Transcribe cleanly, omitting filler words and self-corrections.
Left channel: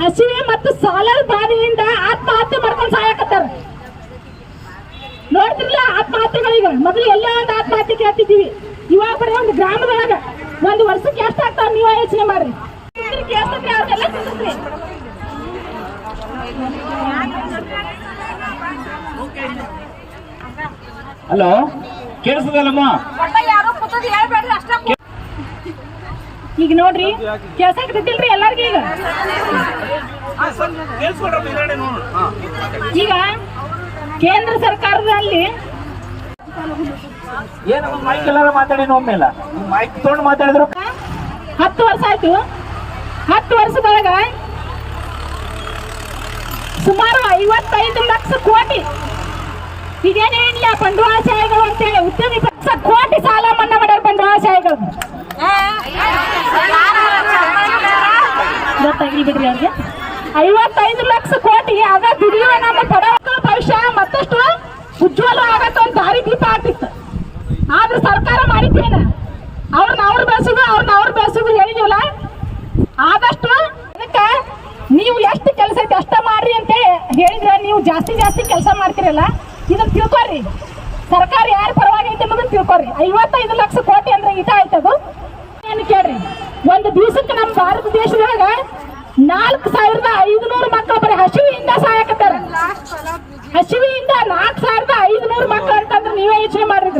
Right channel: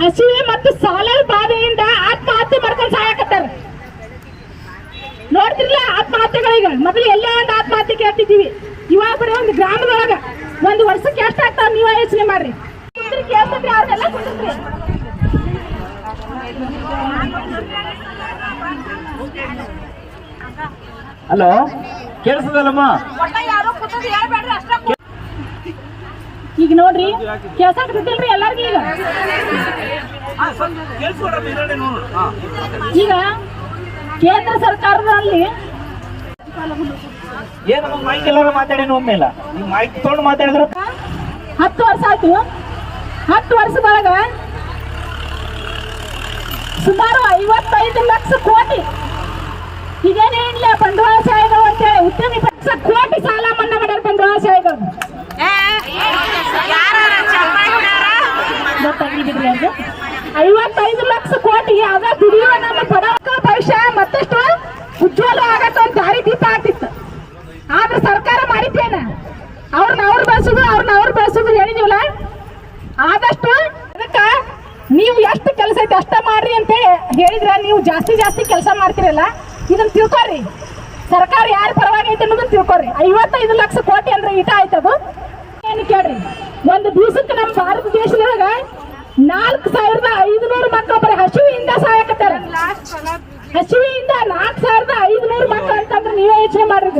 ಹಸಿವೆ ಮತ್ತು ಸಾಲದ ಬಾಧೆಯಿಂದ ಆತ್ಮಹತ್ಯೆ ಮಾಡ್ಕೊಂಡು ಸಾಯಕತ್ತಾರ. ನೋಡ್ತಿರ್ಲ ಆತ್ಮಹತ್ಯೆಗಳಿಗೆ ಮೊದಲು ಎಲ್ಲ ಒಂದು ಆತ್ಮಹತ್ಯೆ ಕೇಳ್ತಿದ್ದೀವಿ. ಇವಾಗ ಬರೀ ಒಂದು ಗ್ರಾಮದೊಳಗ ಒಂದು ವರ್ಷಕ್ಕೆ ಎಷ್ಟು ಆಗ್ತಾವ ನೀವ ಯೋಚನೆ ಮಾಡ್ರಿ. ಕೇಳ್ತದ್ರಿ ಅವ್ರೆಲ್ಲ ಕುಂದ್ರಿ. ಹಲೋ, ಕೇಳಿಸದಲ್ಲಮ್ಮ? ಈಗ ನೋಡ್ರಿ ಕೇಳ್ಸಕ್ತಿಲ್ರಿ ಎಲ್ಲರಿಗೂ. ಈಗ ಕೇಂದ್ರ ಸರ್ಕಾರದಲ್ಲಿ ಏನು ಮೈಕ್ ಎಲ್ಲಾರು ಮಾತಾಡಿ ಒಮ್ಮೆಲ್ಲ ಮೈಕ್ ತಗೊಂಡು ಮಾತಾಡಿದ್ರು. 10 ವರ್ಷ ಆಯ್ತು. 10 ವರ್ಷದೊಳಗ ಸುಮಾರು 55 ಲಕ್ಷ ಕೋಟಿ ಈಗೇನು ಹೇಳಿ ಬಂಡವಾಳಶಾಹಿಗಳು ಅಂತೇಳಿ ಉದ್ಯಮಿ ಪಕ್ಷ ಕೋಟಿ ಸಾಲ ಮನ್ನಾ ಮಾಡ್ಯಾರ ಬಂಡವಾಳಶಾಹಿಗಳು. ಗೊತ್ತಾಗ್ಲಿ ಬಿಡ್ರಿ ಅವ್ರಿಗೆ. 55 ಲಕ್ಷ ಕೋಟಿ ಅದ ದುಡಿಯುವ ನಮ್ಮ ಬಡವರ ಭವಿಷ್ಯ ಮತ್ತಷ್ಟು ಉಜ್ವಲ ಆಗತ್ತ ಒಂದು ದಾರಿ ದೀಪ ಆಗ್ತಿತ್ತು. ಆದ್ರೆ ಸರ್ಕಾರ ಮಾಡಿದ್ದೇನ ಅವ್ರ ಬೆಳೆಸುದು ಹೇಳಿದೀವಲ್ಲ. ಆದಷ್ಟು ಅದಕ್ಕ ನೀವು ಎಷ್ಟು ಕೆಲಸ ಐತೆ ಅಷ್ಟ ಮಾಡ್ರಿ ಅಂತ ಹೇಳಿದ್ರ ನೀವು ಜಾಸ್ತಿ ಕೆಲಸ ಮಾಡ್ತಿರಲ್ಲ. ಇದನ್ನ ತಿಳ್ಕೊರಿ, ಸರ್ಕಾರ ಯಾರ ಪರವಾಗಿ ಐತೆ ಅನ್ನೋದನ್ನ ತಿಳ್ಕೊರಿ. 55 ಲಕ್ಷ ಕೋಟಿ ಅಂದ್ರೆ ಇಟ ಆಯ್ತದು. ಏನು ಕೇಳ್ರಿ, ಒಂದು ದಿವಸಕ್ಕೆ ನಮ್ಮ ಭಾರತ ದೇಶದೊಳಗ 4500 ಮಕ್ಕಳು ಬರೀ ಹಸಿವೆಯಿಂದ ಸಾಯಕತ್ತಾರ. ಹಸಿವೆಯಿಂದ 4500 ಮಕ್ಕಳು ಅಂತಂದ್ರೆ ನೀವೇ ಯೋಚನೆ ಮಾಡ್ರಿ.